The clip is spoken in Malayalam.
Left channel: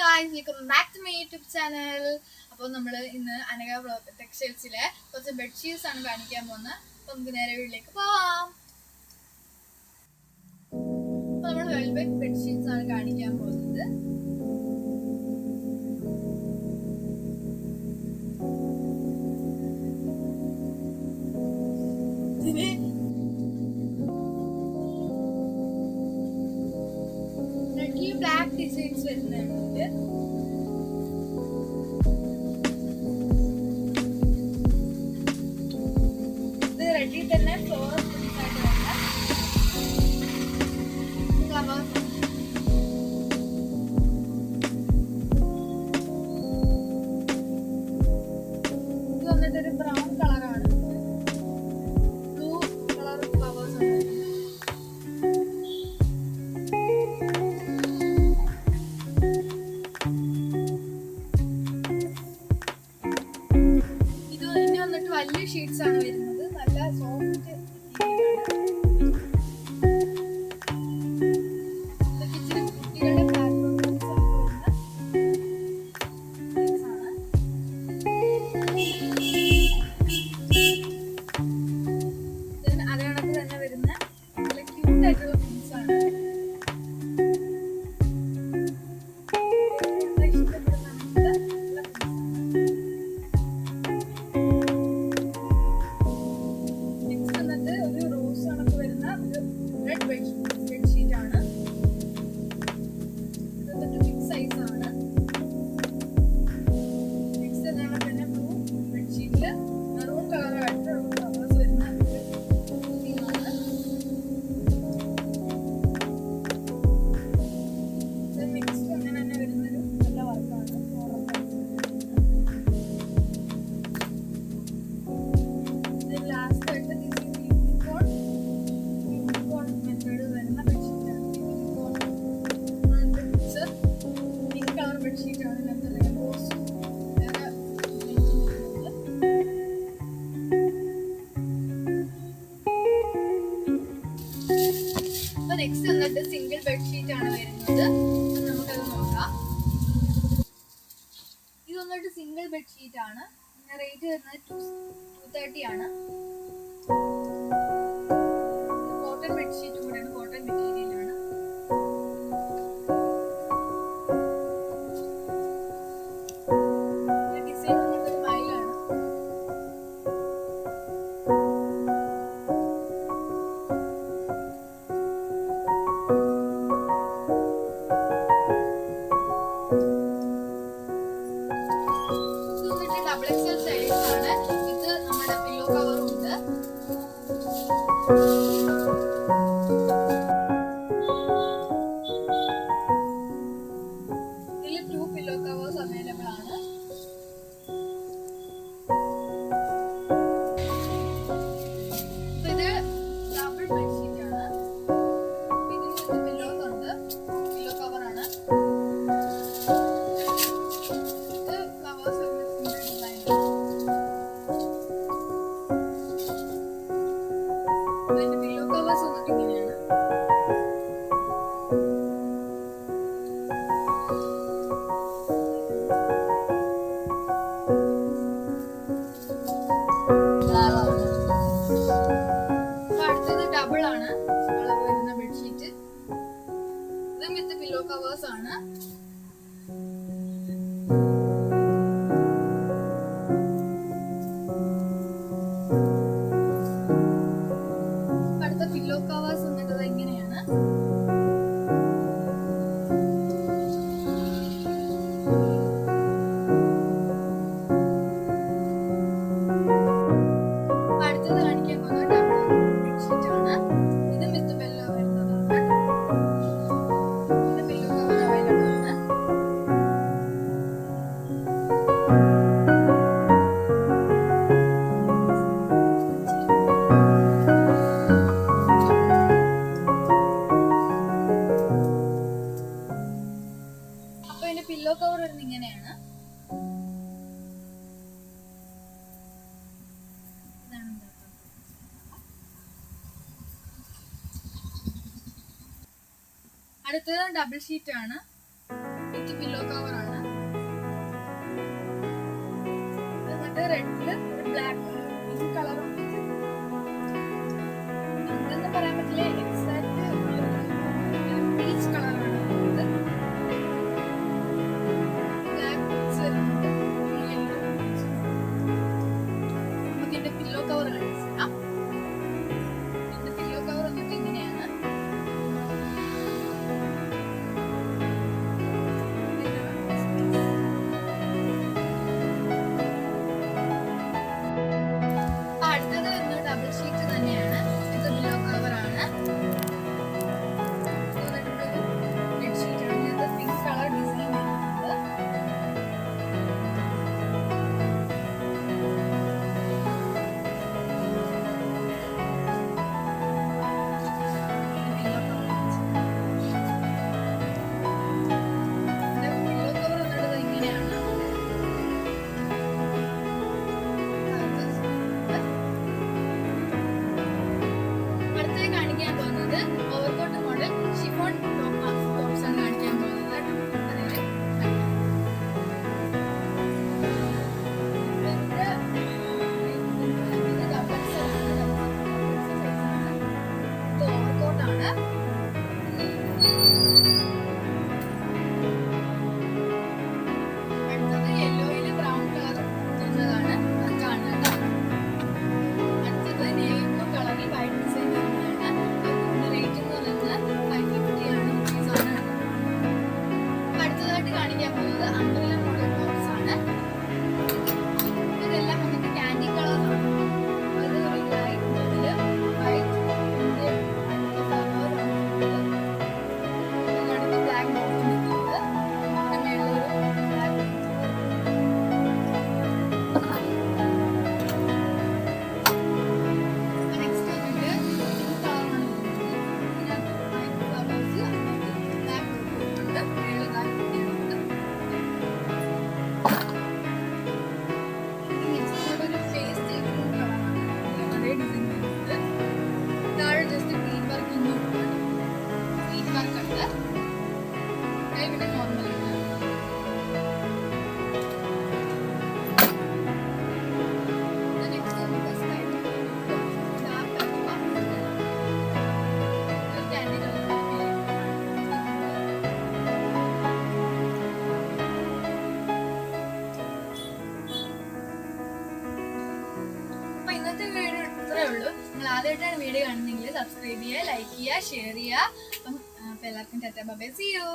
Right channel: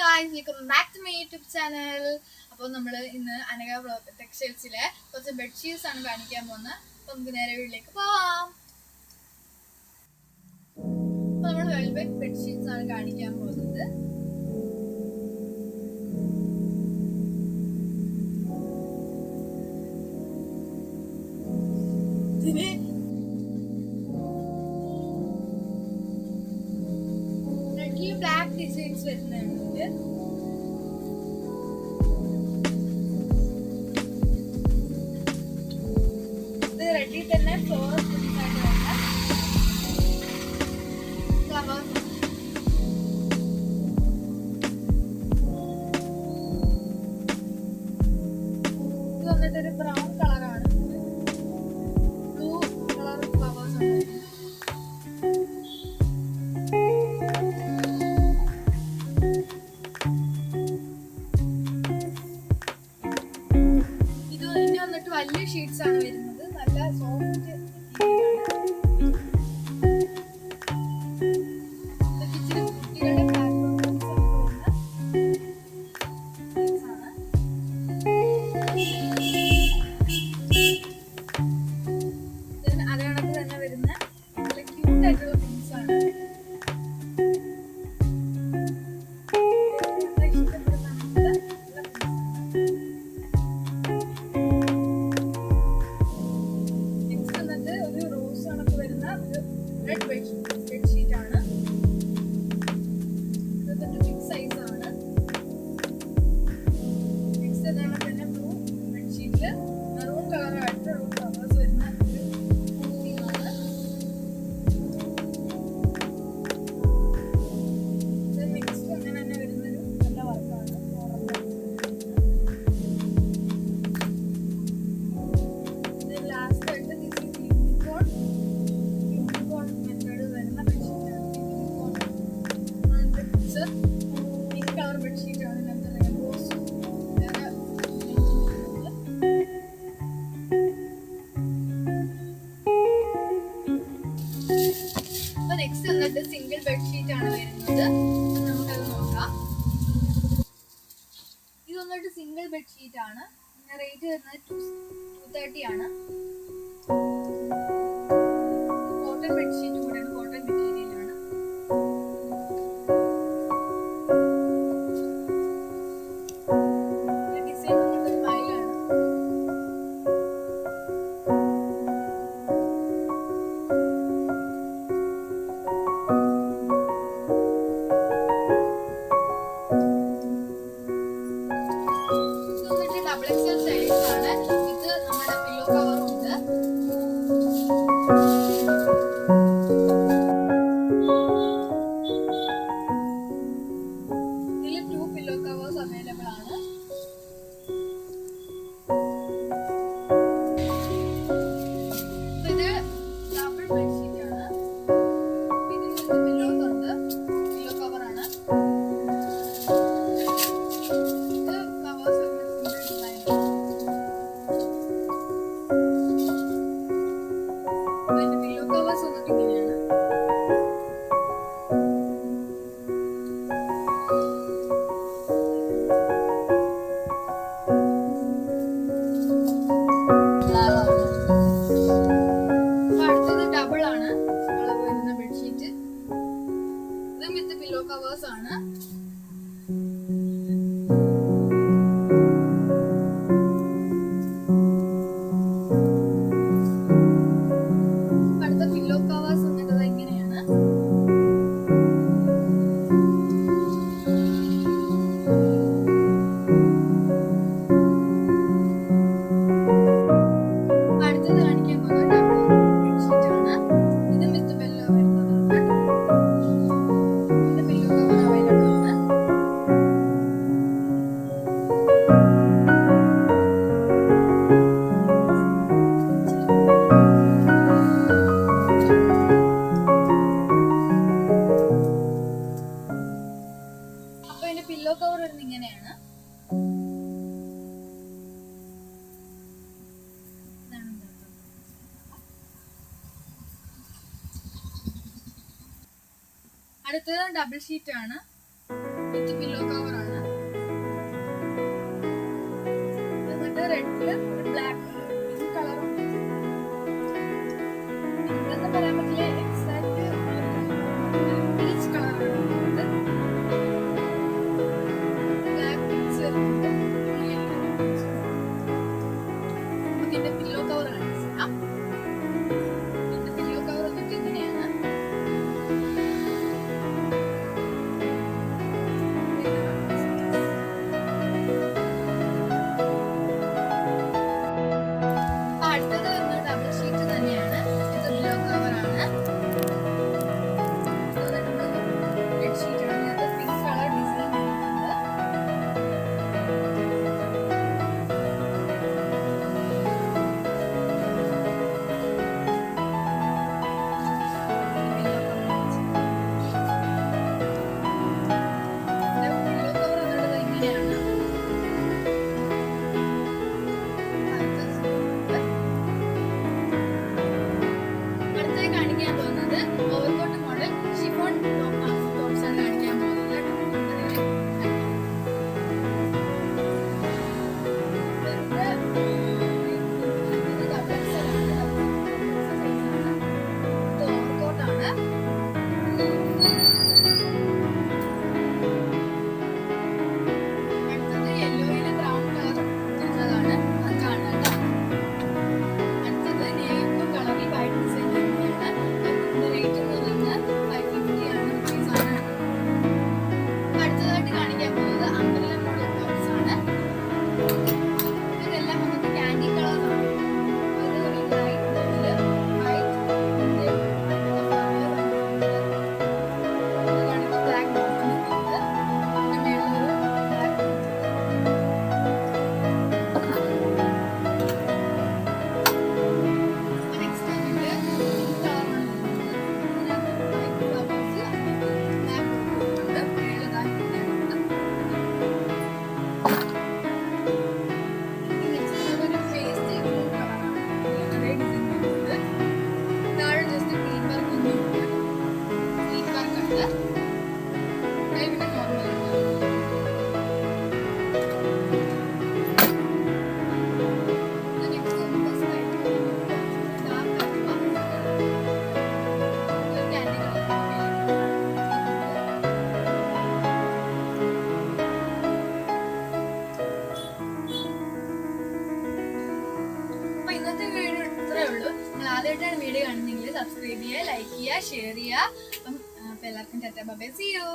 guys, welcome back to my YouTube channel. അപ്പോൾ നമ്മൾ ഇന്ന് അനഘ ടെക്സ്റ്റൈൽസിലെ കുറച്ച് ബെഡ്ഷീറ്റ്സ് ആണ് കാണിക്കാൻ പോകുന്നത്. അപ്പോൾ നമുക്ക് നേരെ വീട്ടിലേക്ക് പോവാം. അപ്പോൾ നമ്മൾ വെൽവെറ്റ് ബെഡ്ഷീറ്റ്സ് ആണ് കാണിക്കാൻ പോകുന്നത്. ഇതിന് ബ്ലാക്ക് ഡിസൈൻസ് വരുന്നുണ്ട്. ഇത് റെഡി തന്നെ ഫ്ലോറൽ പ്രിന്റ് ആയിട്ട് വരുന്ന ഫ്ലവേഴ്സ്. ഇത് വന്നിട്ടൊരു ബ്രൗൺ കളറാണ്. ബ്ലൂ കളർ ഫ്ലവേഴ്സ് ആണ്. വലിയ ഷീറ്റ്സ് ആണ് വരുന്നത്. നല്ല സോഫ്റ്റ് കുട്ടികളുടെ അതേ കണക്ക് തന്നെ വരുന്ന നല്ല ക്യൂട്ട് ആയിട്ടുള്ള തിങ്സ് ആണ്. റെഡ് ബെഡ്ഷീറ്റ് ആണ്. ഇതൊരു ബിഗ് സൈസ് ആണ്. നെക്സ്റ്റ് അതാണ് പിന്നെ ബ്ലൂ ബെഡ്ഷീറ്റില് മെറൂൺ കളറായിട്ട് ഫ്ലവേഴ്സ് വരുന്ന ഒരു തീമാണ്. നെക്സ്റ്റ് അങ്ങനെ തന്നെ വരുന്നൊരു നല്ല വർക്കാണ്. ലാസ്റ്റ് ആയിട്ട് പിങ്ക് കളർ ബെഡ്ഷീറ്റ് ആണ്. അപ്പൊ നെക്സ്റ്റ് വന്നിട്ട് സിംഗിൾ ബെഡ്ഷീറ്റ് ആണ് വരുന്നത്. നമുക്കത് നോക്കാം. ഇത് വന്നിട്ട് സിംഗിൾ ബെഡ്ഷീറ്റ് ആണ്. റേറ്റ് വരുന്നത് 230 ആണ്. കോട്ടൺ ബെഡ്ഷീറ്റ് കൂടെയാണ്. കോട്ടൺ മെറ്റീരിയൽ ആണ്. ഡിസൈൻ വന്നിട്ടൊരു മയിലാണ്. ഇത് വന്നിട്ട് ഡബിൾ എക്സൽ സൈസ് ആണ്. ഇത് നമ്മുടെ പില്ലോ കവറും ഉണ്ട്. ഇതിൽ 2 പില്ലോ കവേഴ്സ് അവൈലബിൾ ആണ്. ഇത് ഡബിൾ ബെഡ്ഷീറ്റ് ആണ്. ഇതിന് പില്ലോസ് ഉണ്ട്. പില്ലോ കവർ ആണ്. ഇത് കവേഴ്സ് ഡിസൈൻ. അതിന്റെ പില്ലോ കവേഴ്സ് വന്നിട്ട് ഇങ്ങനെയാണ്. അടുത്തത് ഡബിൾ ആണ് അളവ് വരുന്ന ബെഡ്ഷീറ്റ്. ഇതും വിത്ത് പില്ലോ കവേഴ്സ് ആണ്. അടുത്ത പില്ലോ കവേഴ്സ് വന്നിട്ടത് ഇങ്ങനെയാണ്. അടുത്തത് കാണിക്കാൻ പോകുന്നത് ഡബിൾ ബെഡ്ഷീറ്റ് ആണ്. ഇതും വിത്ത് പില്ലോ വരുന്നതാണ്. ഇതിന്റെ പില്ലോ കവർ അവൈലബിൾ ആണ്. അപ്പൊ ഇതിന്റെ പില്ലോ കവർ വരുന്നത് ഇങ്ങനെയാണ്. അടുത്തത് ഡബിൾ ഷീറ്റ് ആണ്. വിത്ത് പില്ലോ കവർ ആണ്. എന്നിട്ട് റെഡില് ഒരു ബ്ലാക്ക് പിങ്ക് കളറും പിങ്ക് പറയാൻ പറ്റില്ല, എക്സാക്ട് പീച്ച് കളറാണ്. ബ്ലാക്ക് പിക്സ് വരുന്നുണ്ട്. നമുക്ക് ഇതിന്റെ പില്ലോ കവർ കാണിച്ചു തരാം. ഇതിന്റെ പില്ലോ കവർ വന്നിട്ട് ഇങ്ങനെയാണ്. അടുത്തത് വരുന്നത് ഡബിൾ ഷീറ്റ് തന്നെയാണ്. ഇത് പില്ലോ കവർ ആണ്. റെഡ് ഷീറ്റ് ആണ്. ഇതിനകത്ത് പിങ്ക് കളർ ഡിസൈൻ വരുന്നുണ്ട്. പില്ലോ കവർ വന്നിട്ട് ഇങ്ങനെയാണ്. കാണിക്കാൻ പോകുന്നത് ഓവർകോട്ട് മോഡൽ ഷിഫോൺ ടോപ്സ് ആണ് കാണിക്കാൻ പോകുന്നത്. ഇത് ഓവർകോട്ടാണ്. അടുത്തത് യെല്ലോയില് ബ്രൗൺ കളർ വരുന്നതാണ്. അത് കാണുന്നുണ്ട്. അടുത്തത് നേവി ബ്ലൂ കളറിൽ വൈറ്റ് ഡിസൈൻ കാണിക്കാൻ പോകുന്നത് അംബ്രല്ല മോഡൽ ടോപ്സ് ആണ്. ഇതെല്ലാം വന്നിട്ട് കാൻഡി കളറാണ്. അത് ഒരു ലൈറ്റ് ബ്ലൂവില് വൈറ്റ് അടുത്ത് ബ്ലാക്ക് ബോട്ടം വരുന്നുണ്ട്. അതിന്റെ മേളിലൊരു ബ്ലാക്ക് നെക്സ്റ്റ് വന്നിട്ട് പിങ്ക് കളറാണ് വരുന്നത്. ഇതിനകത്ത് വൈറ്റ് ഫ്ലവേഴ്സ് ബ്ലാക്ക് ബോട്ടം മേളിൽ താഴെ just green work green work ഉണ്ട്. പിന്നെ നോർമൽ ആണ്. നെക്സ്റ്റ് നമുക്ക് സ്കൈ ഡാർക്ക് ആക്കുക. Candy colour. അപ്പൊ ഇന്നത്തെ വീഡിയോ ഇത്രേ ഉള്ളൂ. നിങ്ങൾ ആദ്യമായിട്ടാണ് വീഡിയോ കാണുന്നെങ്കിൽ സബ്സ്ക്രൈബ് ചെയ്യുക, ലൈക്ക് ചെയ്യുക, ഷെയർ ചെയ്യുക. അപ്പം എല്ലാവർക്കും tata bye bye, see U.